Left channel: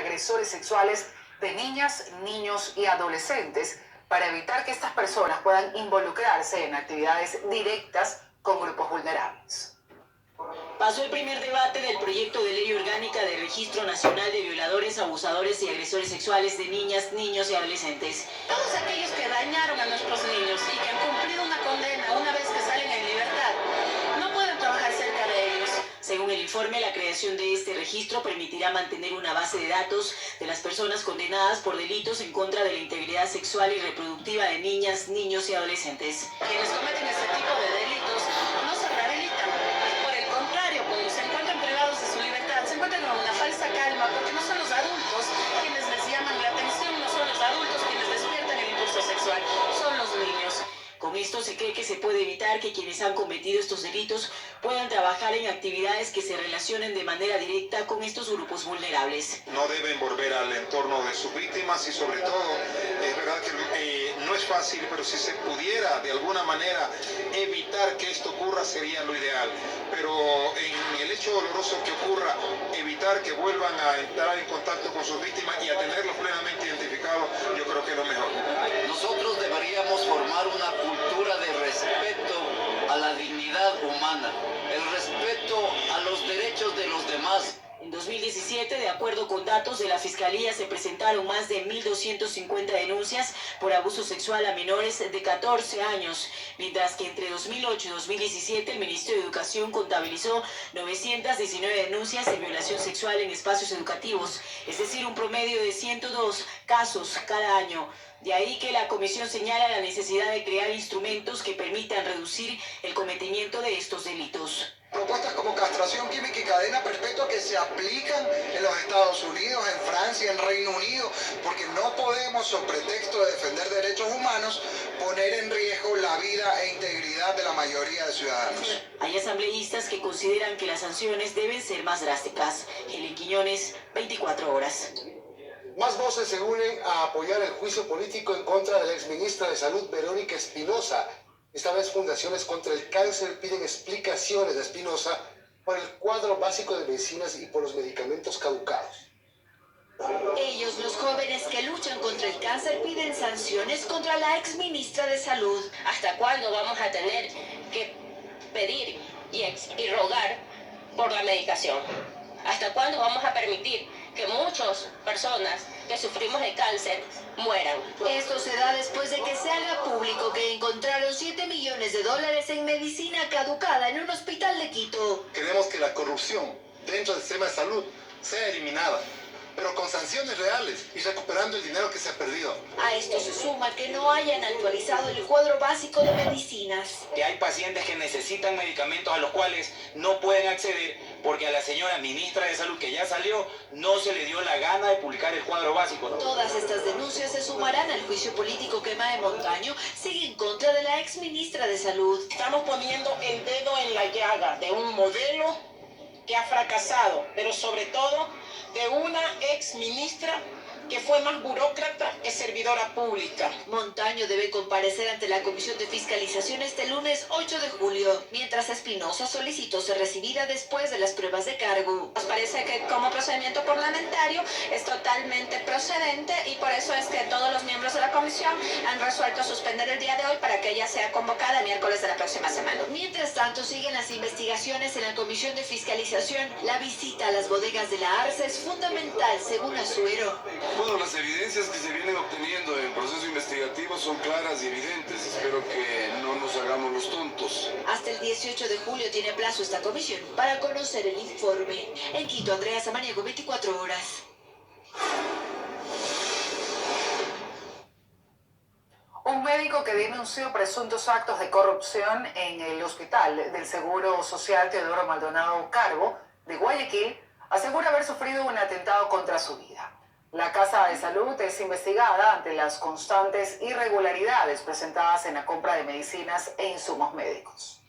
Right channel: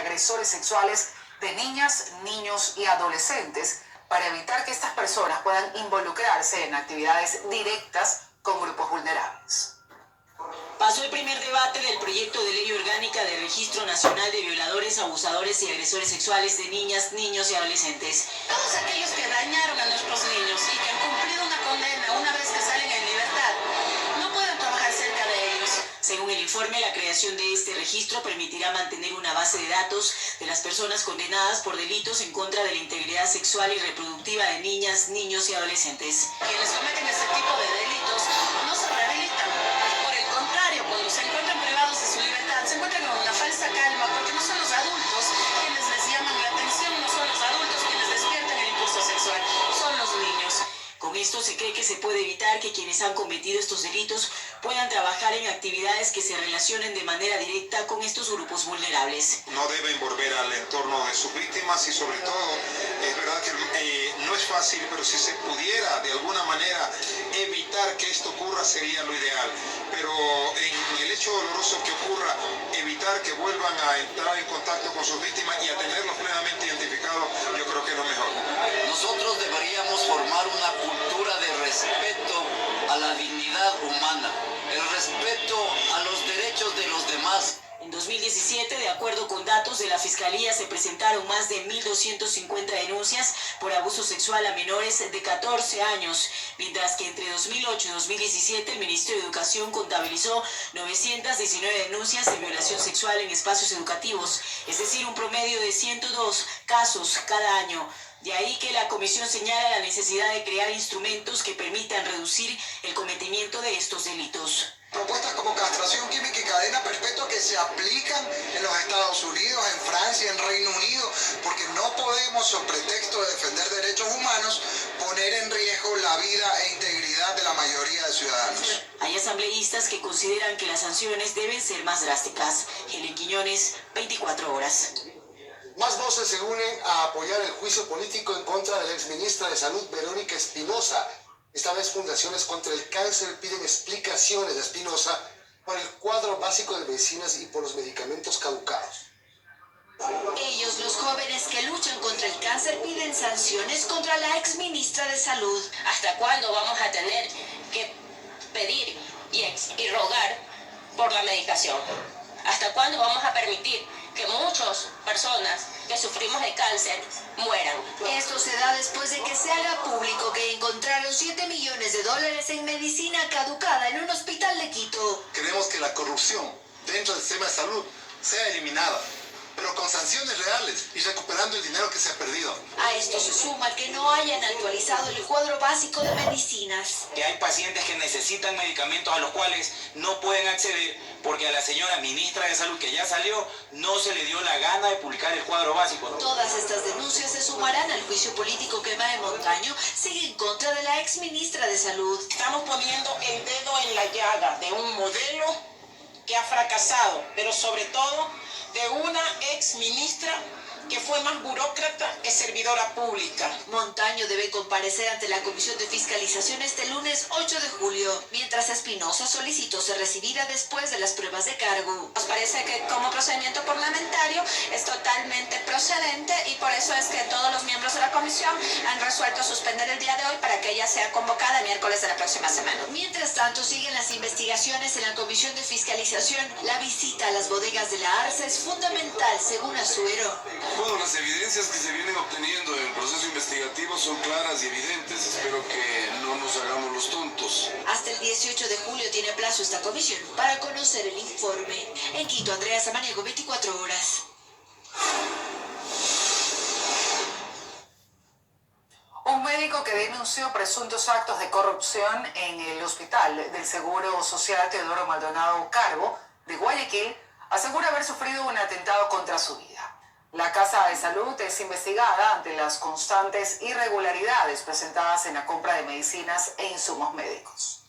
agresores sexuales de niñas, niños y adolescentes para evitar que estas personas puedan involucrarse en actividades directas con grupos vulnerables. Pasó el primer debate del proyecto de ley orgánica de Registro Nacional de Violadores, Abusadores y Agresores Sexuales de Niñas, Niños y Adolescentes. Todos aquellos que dañaron a nuestros niños y que han cumplido una condena una vez que salen en libertad, no pueden trabajar cerca de ellos. Según el informe, la creación de este registro permitirá mantener una base de datos de las personas condenadas por delitos en contra de la integridad sexual y reproductiva de niñas, niños y adolescentes. Quienes cometen este tipo de delitos no se rehabilitan. Por el contrario, cuando se encuentran privados de su libertad, se encuentran en una falsa calma porque no son los adultos quienes les llaman la atención, no son los adultos quienes despiertan el impulso sexual, son los niños. Con esto se cree que se puede evitar que quienes han cometido estos delitos puedan trabajar en actividades que se relacionen de manera directa con estos grupos vulnerables. No deben volver al entorno de sus víctimas y sobre todo, es verdad que no es fácil, pero si se pudiera de alguna manera evitar que esto ocurra sería lo ideal. Pero en el hecho doloroso que ocurra, evitar que vuelvan a entrar en contacto con sus víctimas y a tenerlos plenamente identificados, yo creo que es lo mejor. Nosotros deberíamos formar una cultura de respeto a la dignidad humana, el respeto a los derechos de los demás. En 2017, de acuerdo con datos de la Fiscalía, se presentaron más de 1.250 denuncias por abuso sexual a menores de 14 años, mientras que entre 2008 y 2017 el Ministerio de Educación contabilizó 919 denuncias de violación sexual en espacios educativos, es decir, un promedio de 102 casos cada año. De ahí que la comisión señala la necesidad de crear instrumentos que permitan reducir el cometimiento de estos delitos. Propuestas como castración química y cadena perpetua que se aplican en los Estados Unidos, en Francia, en Reino Unido, porque no podemos, sobre pretexto de defender derechos humanos, poner en riesgo la vida e integridad de la mayoría de ciudadanos. Hay asambleístas que consideran que las sanciones deben ser más drásticas. Helen Quiñones, 24 horas. Más voces se unen a apoyar el juicio político en contra de la exministra de Salud, Verónica Espinosa. Esta vez Fundaciones contra el Cáncer piden explicaciones a Espinosa por el cuadro básico de medicinas y por los medicamentos caducados. Ellos, los jóvenes que luchan contra el cáncer, piden sanciones contra la exministra de Salud. ¿Hasta cuándo vamos a tener que pedir y rogar por la medicación? ¿Hasta cuándo vamos a permitir que muchas personas que sufrimos de cáncer mueran? Esto se da después de que se haga público que encontraron $7 millones en medicina caducada en un hospital de Quito. Queremos que la corrupción dentro del sistema de salud sea eliminada, pero con sanciones reales y recuperando el dinero que se ha perdido. A esto se suma que no hayan actualizado el cuadro básico de medicinas. Que hay pacientes que necesitan medicamentos a los cuales no pueden acceder porque a la señora ministra de Salud, que ya salió, no se le dio la gana de publicar el cuadro básico. Todas estas denuncias se sumarán al juicio político que Mae Montaño sigue en contra de la exministra de Salud. Estamos poniendo el dedo en la llaga de un modelo que ha fracasado, pero sobre todo de una exministra que fue más burócrata que servidora pública. Montaño debe comparecer ante la Comisión de Fiscalización este lunes 8 de julio, mientras Espinosa solicitó ser recibida después de las pruebas de cargo. Nos parece que como procedimiento parlamentario es totalmente procedente y por eso es que todos los miembros de la comisión han resuelto suspender el día de hoy para que ella sea convocada el miércoles de la próxima semana. Mientras tanto, siguen las investigaciones en la Comisión de Fiscalización. La visita a las bodegas de la ARSA es fundamental, según Azuero. Bueno, las evidencias que se vienen obteniendo en el proceso investigativo son claras y evidentes. Espero que no nos hagamos los tontos. Hasta el 18 de julio tiene plazo esta comisión para conocer el informe. En Quito, Andrea Samaniego, 24 horas. Un médico que denunció presuntos actos de corrupción en el Hospital del Seguro Social Teodoro Maldonado Carbo de Guayaquil asegura haber sufrido un atentado contra su vida. La Casa de Salud es investigada ante las constantes irregularidades presentadas en la compra de medicinas e insumos médicos.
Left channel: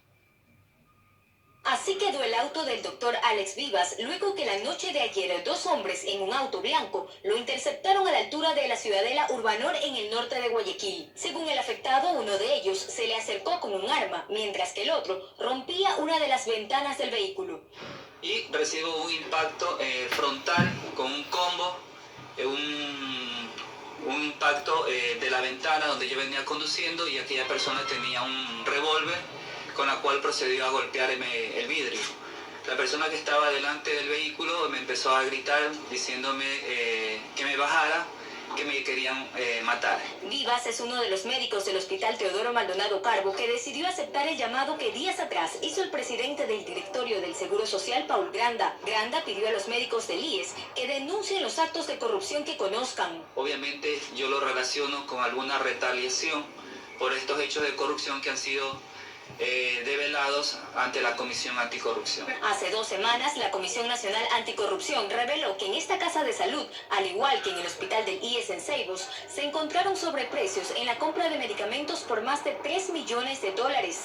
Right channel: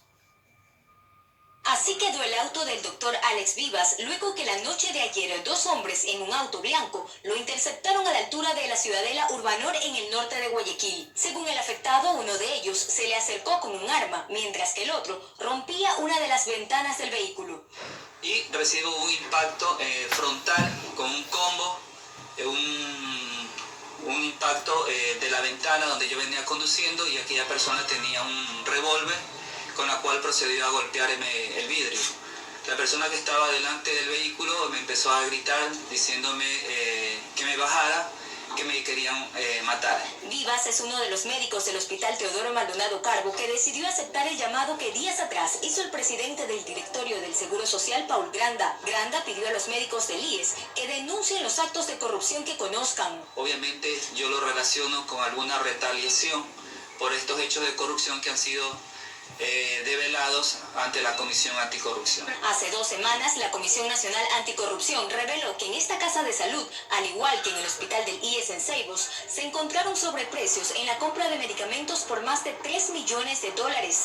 Así quedó el auto del doctor Alex Vivas luego que la noche de ayer 2 hombres en un auto blanco lo interceptaron a la altura de la Ciudadela Urbanor en el norte de Guayaquil. Según el afectado, uno de ellos se le acercó con un arma, mientras que el otro rompía una de las ventanas del vehículo. Y recibo un impacto frontal con un combo impacto de la ventana donde yo venía conduciendo y aquella persona tenía un revólver con la cual procedió a golpearme el vidrio. La persona que estaba delante del vehículo me empezó a gritar diciéndome que me bajara, que me querían matar. Vivas es uno de los médicos del Hospital Teodoro Maldonado Carbo que decidió aceptar el llamado que días atrás hizo el presidente del directorio del Seguro Social, Paul Granda. Granda pidió a los médicos del IES que denuncien los actos de corrupción que conozcan. Obviamente yo lo relaciono con alguna retaliación por estos hechos de corrupción que han sido develados ante la Comisión Anticorrupción. Hace 2 semanas, la Comisión Nacional Anticorrupción reveló que en esta casa de salud, al igual que en el hospital del IES en Ceibos, se encontraron sobreprecios en la compra de medicamentos por más de $3 millones.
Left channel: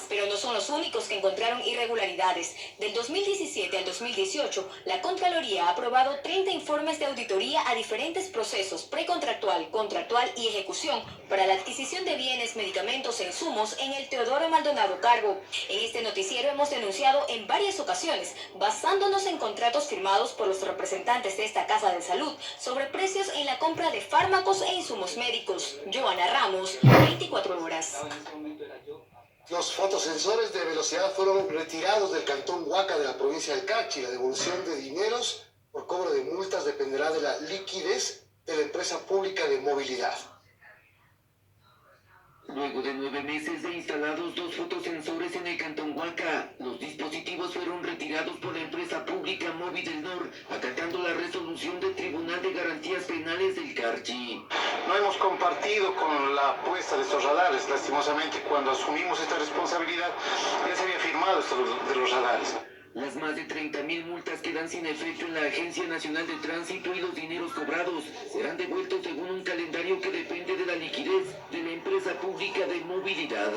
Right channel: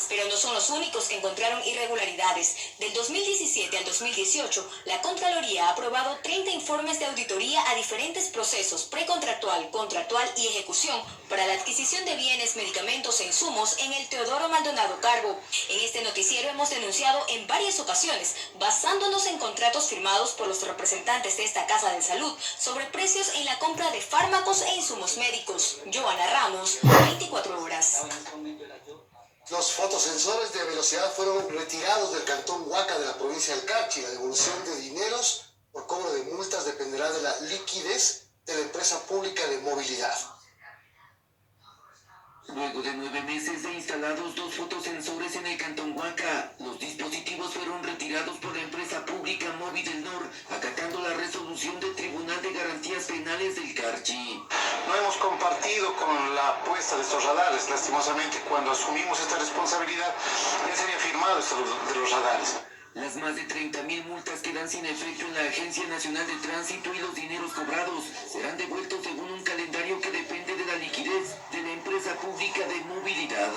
Pero no son los únicos que encontraron irregularidades. Del 2017 al 2018, la Contraloría ha aprobado 30 informes de auditoría a diferentes procesos precontractual, contractual y ejecución para la adquisición de bienes, medicamentos e insumos en el Teodoro Maldonado Carbo. En este noticiero hemos denunciado en varias ocasiones, basándonos en contratos firmados por los representantes de esta casa de salud, sobre precios en la compra de fármacos e insumos médicos. Joana Ramos, 24 horas. Los fotosensores de velocidad fueron retirados del cantón Huaca de la provincia del Carchi. La devolución de dineros por cobro de multas dependerá de la liquidez de la empresa pública de movilidad. Luego de 9 meses de instalados 2 fotosensores en el cantón Huaca, los dispositivos fueron retirados por la empresa pública Móvil del Nor, acatando la resolución del Tribunal de Garantías Penales del Carchi. No hemos compartido con la puesta de estos radares. Lastimosamente, cuando asumimos esta responsabilidad, ya se había firmado esto de los radares. Las más de 30.000 multas quedan sin efecto en la Agencia Nacional de Tránsito y los dineros cobrados serán devueltos según un calendario que depende de la liquidez de la empresa pública de movilidad.